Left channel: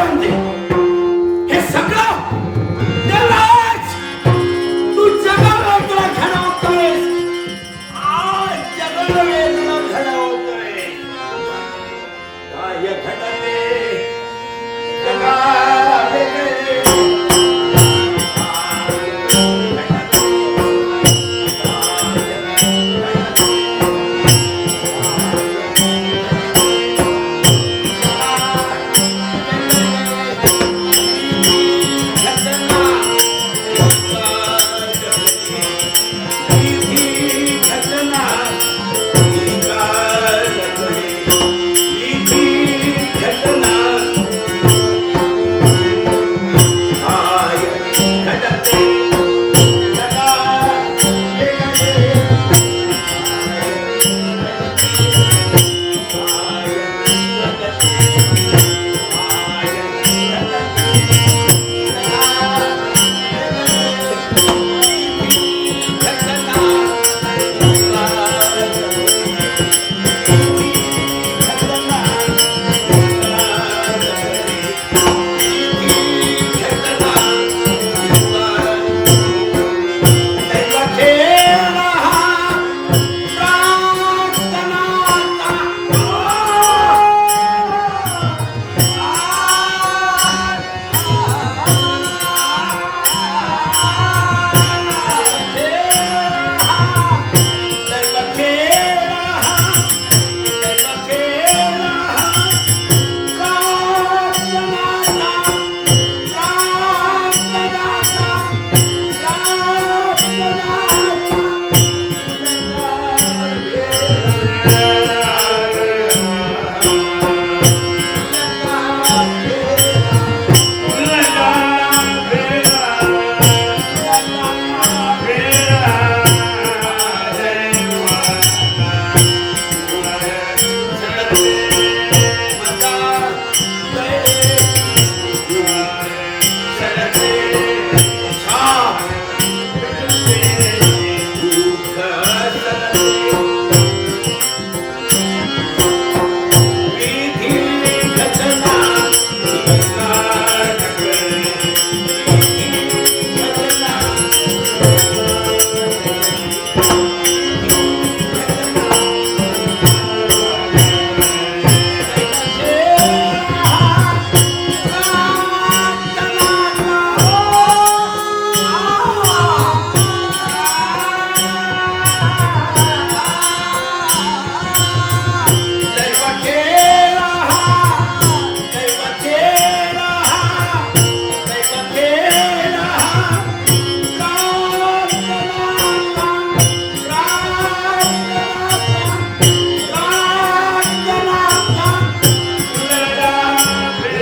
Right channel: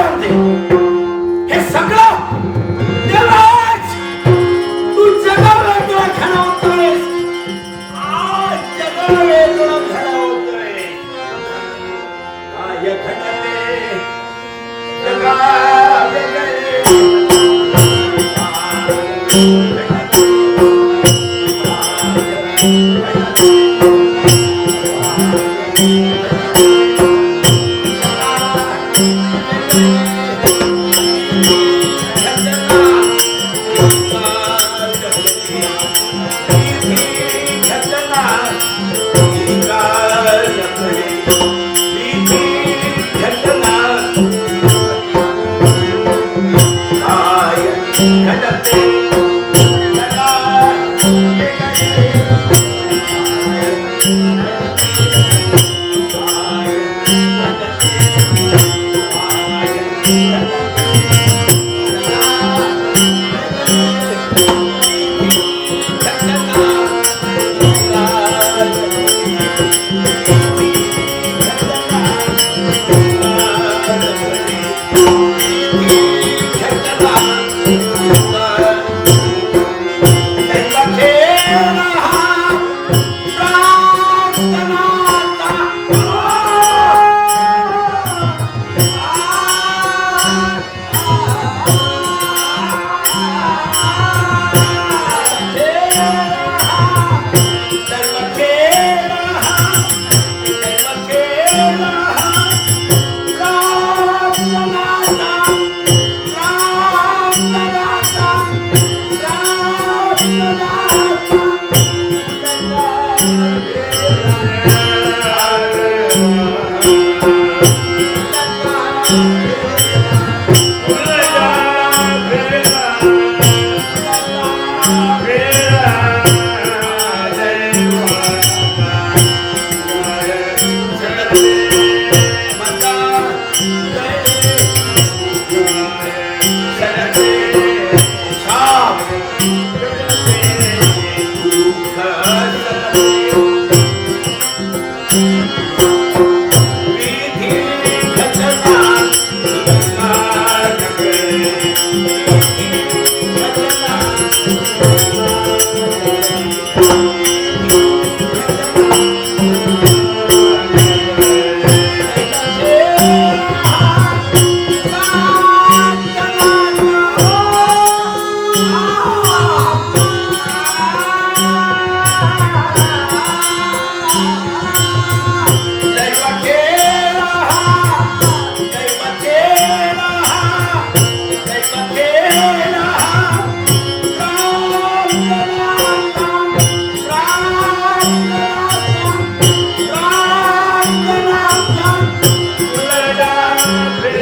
levanter.